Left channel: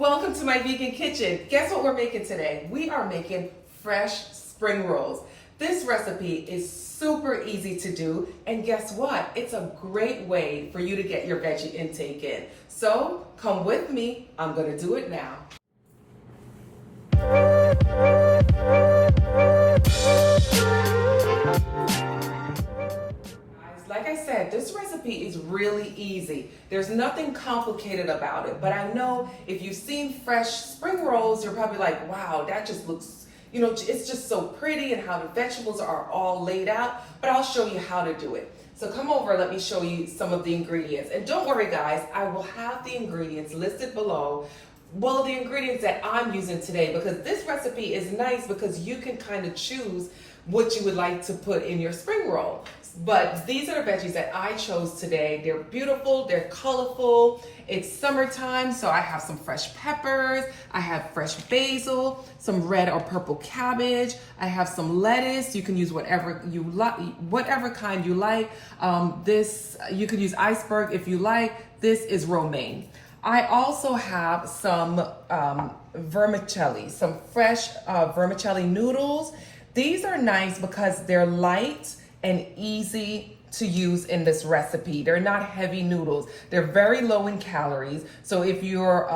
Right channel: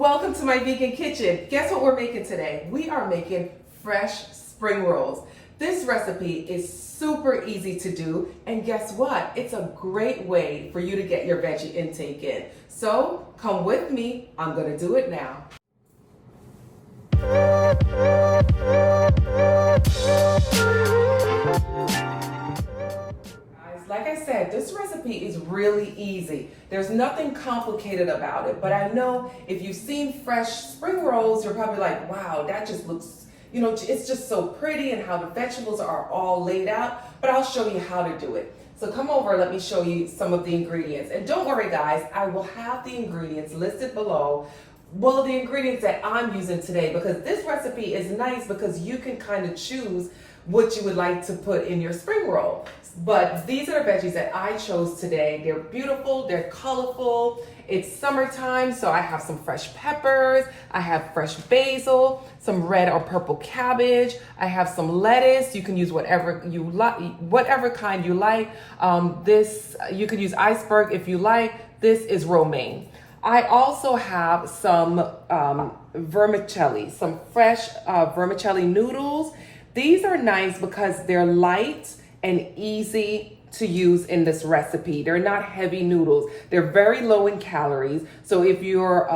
Welcome to my vegan kitchen. Guess what we're making today? We are making fresh spring rolls. This recipe is super easy to do, and guess what? It's a great way for you to get your veggie intake in. So come with me, I'm gonna do it now. Like I said, this recipe is really easy. There's nothing complicated about it, but I know if you've seen fresh spring rolls, you're probably like, wow, that just looks, it's just so pretty and how the vegetables are all laid out, but I'll show you how to do it. So come over, let me show you some of the ingredients. And don't worry guys, I will have the ingredients listed below. Well, the ingredients that I'm using today, because this recipe is nice because you can kind of choose what you would like to put in your spring roll. But these are the veggies that I chose today. They're beautiful, they're colorful. It's summertime, so I have some fresh peppers, I have fresh basil, some red or purple cabbage, I have some lettuce. You can use whatever you like, whatever kind you like. You could use iceberg if you like. This is romaine. I also have some vermicelli, some fresh vermicelli noodles. These are nice because they're light and easy to use in this recipe. They're not heavy noodles. They're very low in calories. So if you're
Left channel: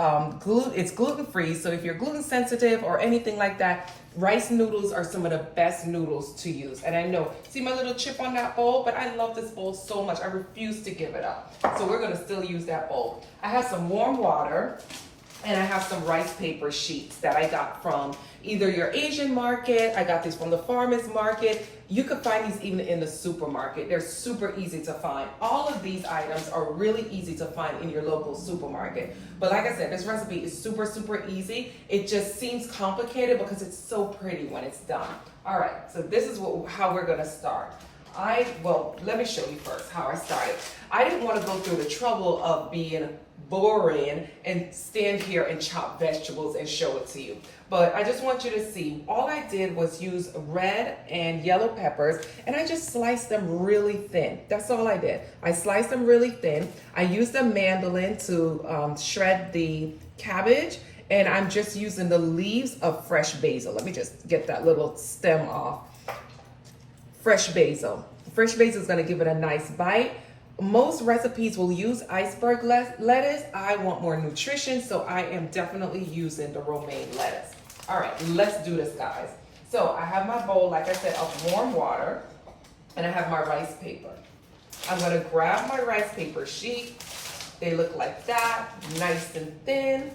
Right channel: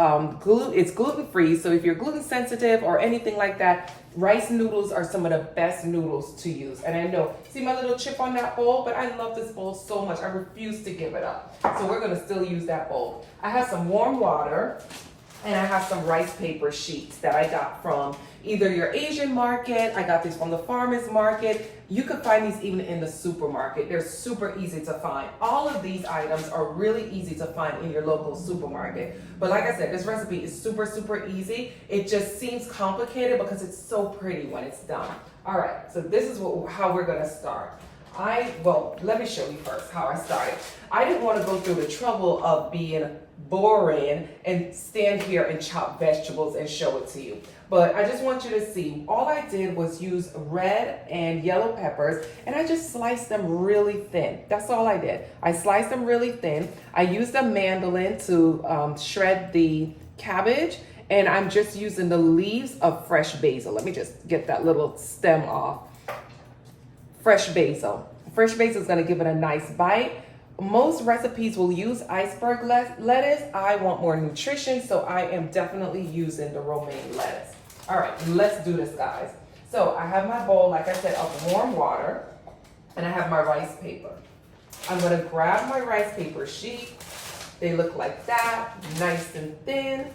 it's gluten-free. So if you're gluten sensitive or anything like that, rice noodles are some of the best noodles to use. And I know, see my little chip on that bowl, but I love this bowl so much. I refuse to give it up. So we're gonna still use that bowl. I have some warm water and I have some rice paper sheets that I got from either your Asian market. I got these from the farmer's market. You could find these even in the supermarket. They're super easy to find. All of these items are really easy to find in your local supermarket. But like I said, this recipe is super, super easy. It just seems complicated because it's so pretty when it's done. All right, so this is how we're gonna start. Let me show you first how I started. I didn't want to go through the trouble of being boring and stand here and chop vegetables and show it to you. But I just want you to see, all I did was use red and yellow peppers and I just sliced them really thin. That's all I did. I sliced them really thin. I used a mandolin to shred the cabbage, and I'm just using the leaves of fresh basil. Let me just get that little stem off. Fresh basil. Fresh basil is going to give it a nice bite. Most recipes will use iceberg lettuce. I want more nutrition, so I am definitely using the romaine lettuce. All right, let's do this, guys. So I have my bowl, like I said, of warm water, and I have my rice paper. I'm going to grab my rice paper sheet. They look like that, nice and thin.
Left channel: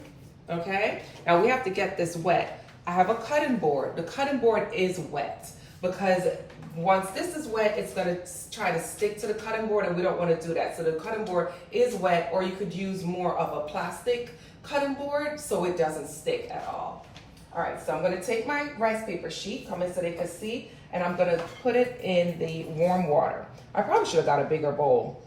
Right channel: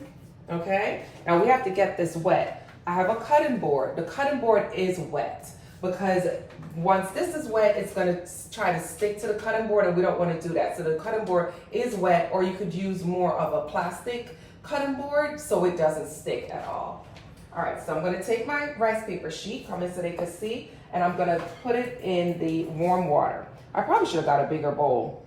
Okay, now we have to get this wet. I have a cutting board. The cutting board is wet because once this is wet, it's gonna try to stick to the cutting board, and we don't wanna do that. So the cutting board is wet, or you could use more of a plastic cutting board so it doesn't stick at all. All right, so I'm gonna take my rice paper sheet, come in so they can see, and I'm gonna put it in the warm water. I probably should have got a bigger bowl.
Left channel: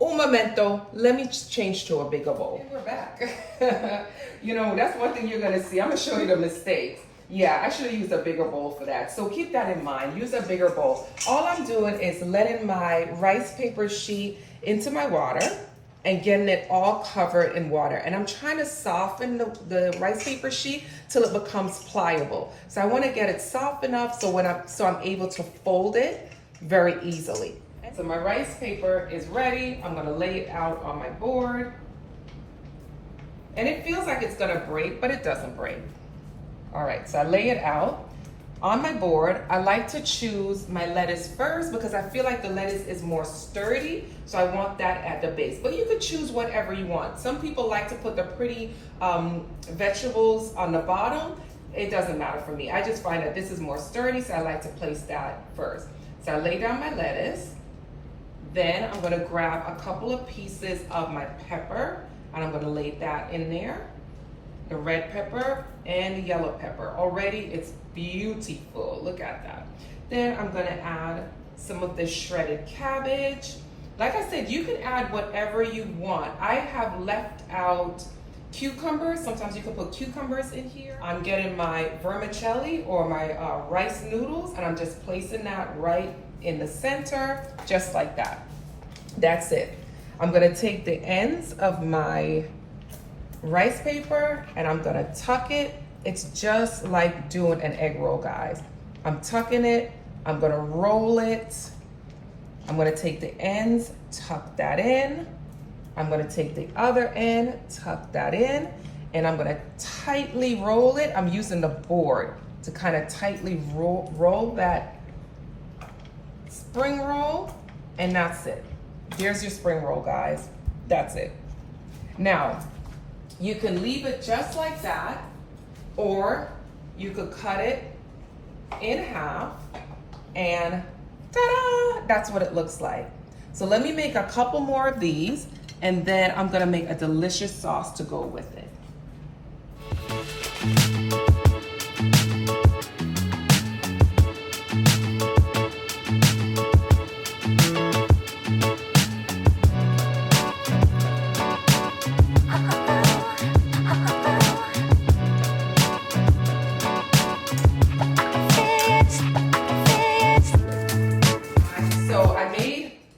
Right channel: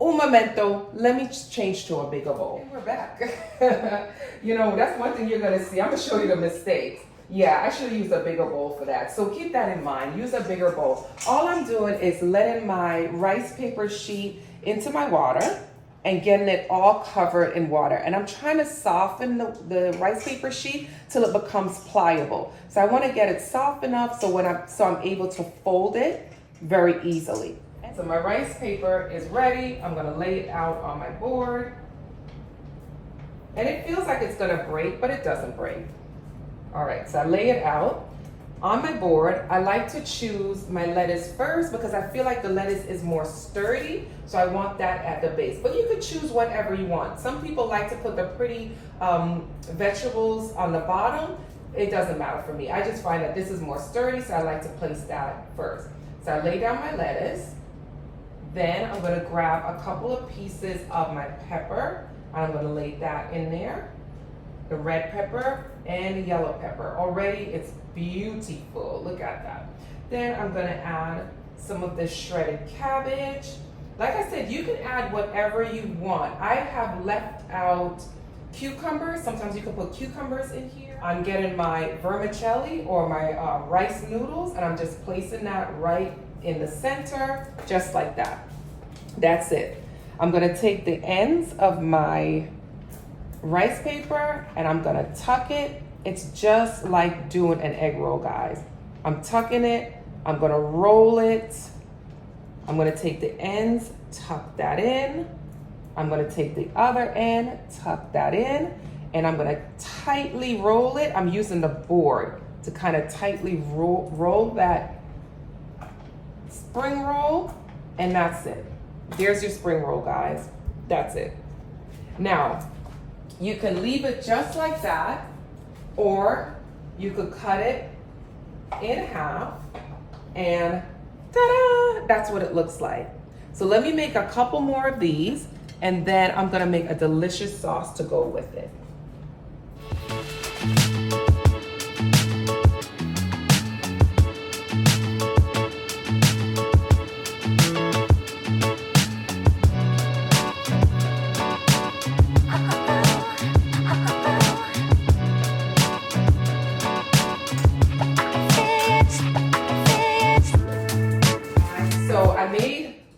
Un momento, let me change to a bigger bowl. And we're back. That's one thing you're gonna see. I'm gonna show you the mistakes. Yeah, I should have used a bigger bowl for that. So keep that in mind, use a bigger bowl. All I'm doing is letting my rice paper sheet into my water and getting it all covered in water. And I'm trying to soften the rice paper sheet till it becomes pliable. So I wanna get it soft enough so I'm able to fold it very easily. So my rice paper is ready. I'm gonna lay it out on my board. And it feels like it's gonna break, but it doesn't break. All right, so I lay it out on my board. I like to choose my lettuce first because I feel like the lettuce is more sturdy, so I want that at the base. But you could choose whatever you want. Some people like to put the pretty vegetables on the bottom. It doesn't matter for me. I just find that this is more sturdy, so I like to place that first. So I lay down my lettuce. Then I'm gonna grab a couple of pieces of my pepper, and I'm gonna lay that in there. The red pepper and the yellow pepper. Already it's beautiful, look at that. Then I'm gonna add some of this shredded cabbage. Like I said, you can add whatever you want. I have left out cucumbers. Sometimes you can put cucumbers in here. I'm getting my vermicelli or my rice noodles, and I'm just placing that right in the center, just like that. That's it. I'm gonna take the ends of my rice paper and I'm gonna tuck it. It's just like doing an egg roll, guys. I'm tucking it, I'm gonna roll it. I'm gonna take the ends, tuck that in. I'm gonna take the other end, tuck that in, and I'm gonna tightly roll it. I'm using the board to kind of tightly roll that spring roll, and that's it. There's your spring roll, guys. That's it. Now, you can leave it just like that, or you could cut it in half, and ta-da! That's what it looks like. So let me make a couple more of these, and then I'm gonna make a delicious sauce to go with it.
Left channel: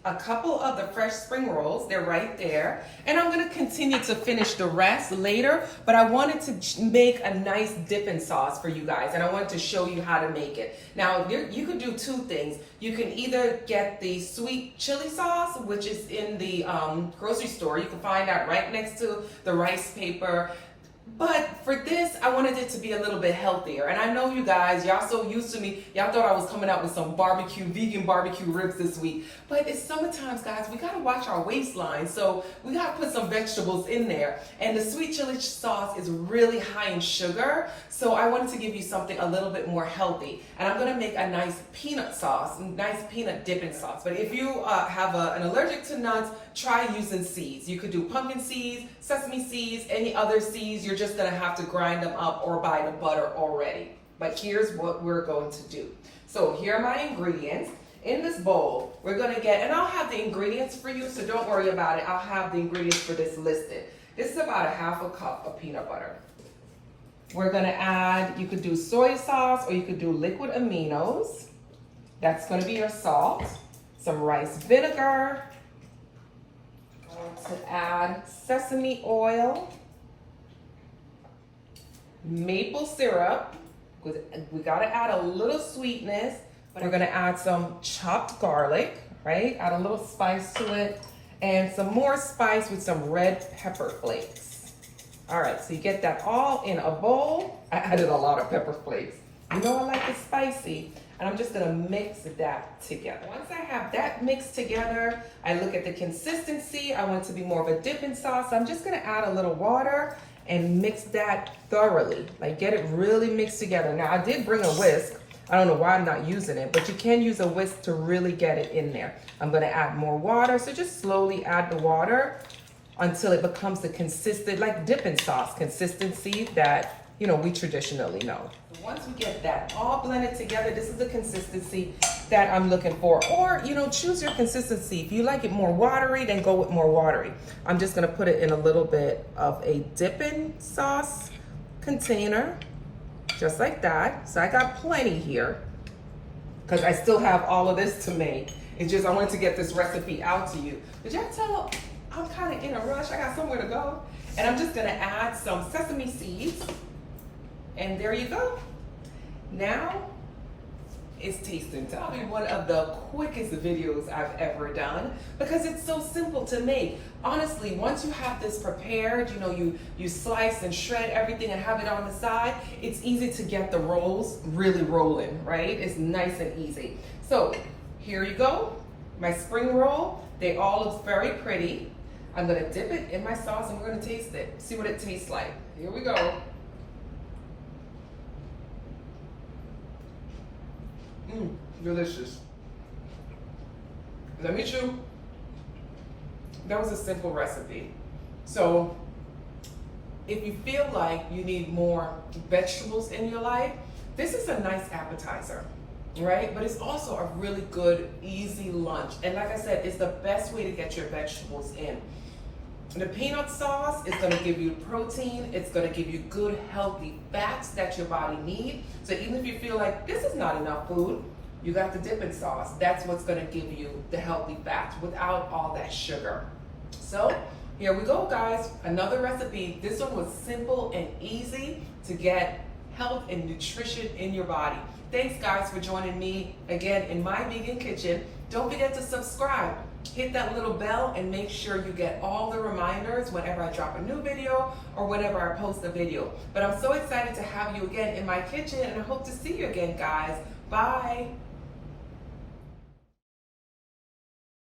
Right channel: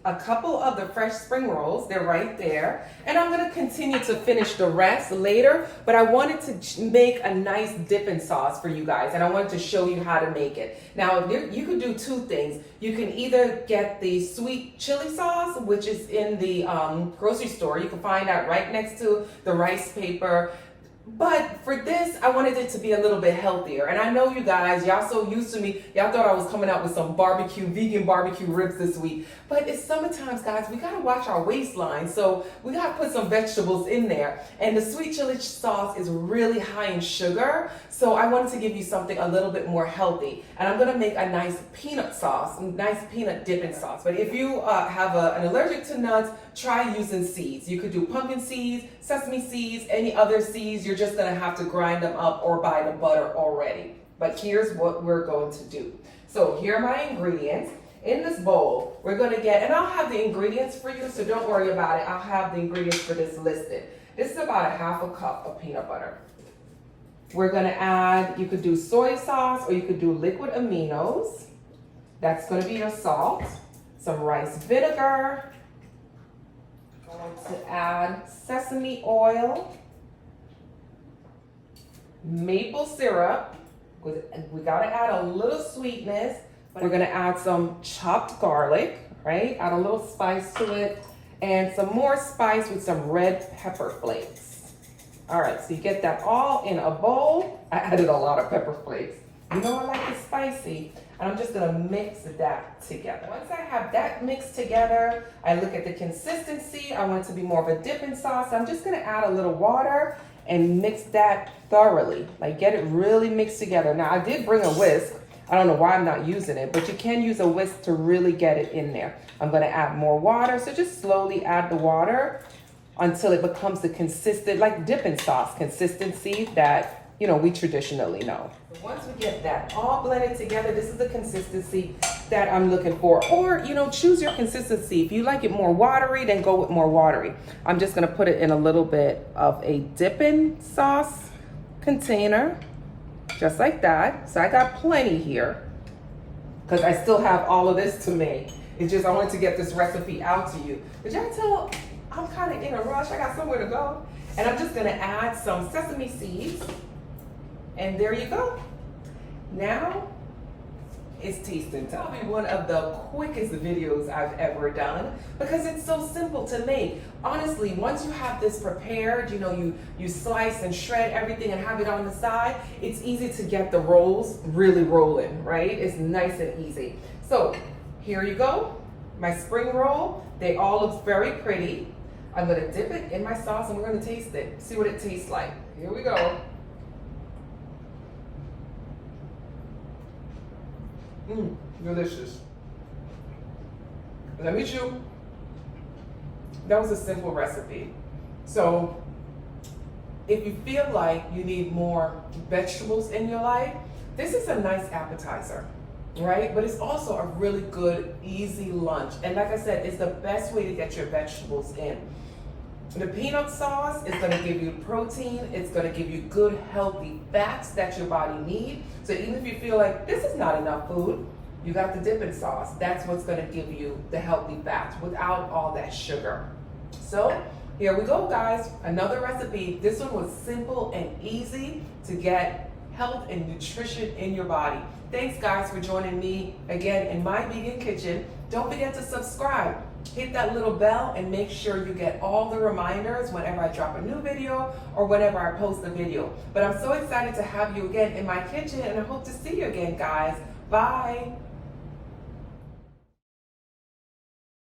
A couple of the fresh spring rolls, they're right there, and I'm going to continue to finish the rest later, but I wanted to make a nice dipping sauce for you guys, and I wanted to show you how to make it. Now you can do two things. You can either get the sweet chili sauce, which is in the grocery store. You can find that right next to the rice paper. But for this, I wanted it to be a little bit healthier. And I know you guys, y'all so used to me, y'all thought I was coming out with some vegan barbecue ribs this week. But it's summertime, guys, we gotta watch our waistline. So we gotta put some vegetables in there. And the sweet chili sauce is really high in sugar. So I wanted to give you something a little bit more healthy. And I'm gonna make a nice peanut sauce, nice peanut dipping sauce. But if you have an allergic to nuts, try using seeds. You could do pumpkin seeds, sesame seeds, any other seeds. You're just gonna have to grind them up or buy the butter already. But here's what we're going to do. So here are my ingredients. In this bowl, we're gonna get, and I'll have the ingredients for you, so don't worry about it. I'll have the ingredients for this listed. This is about a half a cup of peanut butter. We're gonna add, you could do soy sauce or you could do liquid aminos. That's gonna be your salt. Some rice vinegar. I'm going to add sesame oil. Maple syrup. We gotta add a little sweetness. We're gonna add some chopped garlic, right? Add a little spice to it. And some more spice with some red pepper flakes. All right, so you get that all in a bowl. I added a lot of pepper flakes. You know I like it spicy. And I'm just gonna mix that together. Once I have that mixed together, I look at the consistency. I want it to be more of a dipping sauce. I'm just gonna add a little water and mix that thoroughly. Like get it really mixed together. Now I did bring a whisk. I don't know why I'm not using it, but you can use a whisk to really get it in there. I'm gonna add more water. So just slowly add the water until it becomes the consistent, like dipping sauce consistency that, you know, we traditionally know. So once we get that all blended together, this is the consistency that I'm looking for. Or, you know, choose your consistency. If you like it more watery, then go with more watery. I'm just gonna put it in a little bit of a dipping sauce container, just like that. So I got plenty here because I still have all of this to make. It's just I wanted to get this recipe out to you. Did y'all tell I'm kind of in a rush? I got somewhere to go. And I'm just gonna add some sesame seeds. And there you go. Now it's tasting time. Probably one of the quickest videos I've ever done because it's so simple to make. Honestly, once you have this prepared, you know, you slice and shred everything and have it on the side, it's easy to get the rolls really rolling, right? It's nice and easy. So here you go, my spring roll. They all look very pretty. I'm gonna dip it in my sauce and we're gonna taste it. See what it tastes like. Here we go. Delicious. Let me chew. That was a simple recipe. So if you feel like you need more vegetables in your life, this is a nice appetizer, right? But it's also a really good, easy lunch. And like I said, it's the best way to get your vegetables in. The peanut sauce is gonna give you protein. It's gonna give you good, healthy fats that your body needs. So even if you feel like this is not enough food, you got the dipping sauce. That's what's gonna give you the healthy fats without all that sugar. So Here we go, guys. Another recipe. This one was simple and easy to get health and nutrition in your body. Thanks, guys, for joining me again in my vegan kitchen. Don't forget to subscribe. Hit that little bell and make sure you get all the reminders whenever I drop a new video or whenever I post a video. But I'm so excited to have you again in my kitchen, and I hope to see you again, guys. Bye.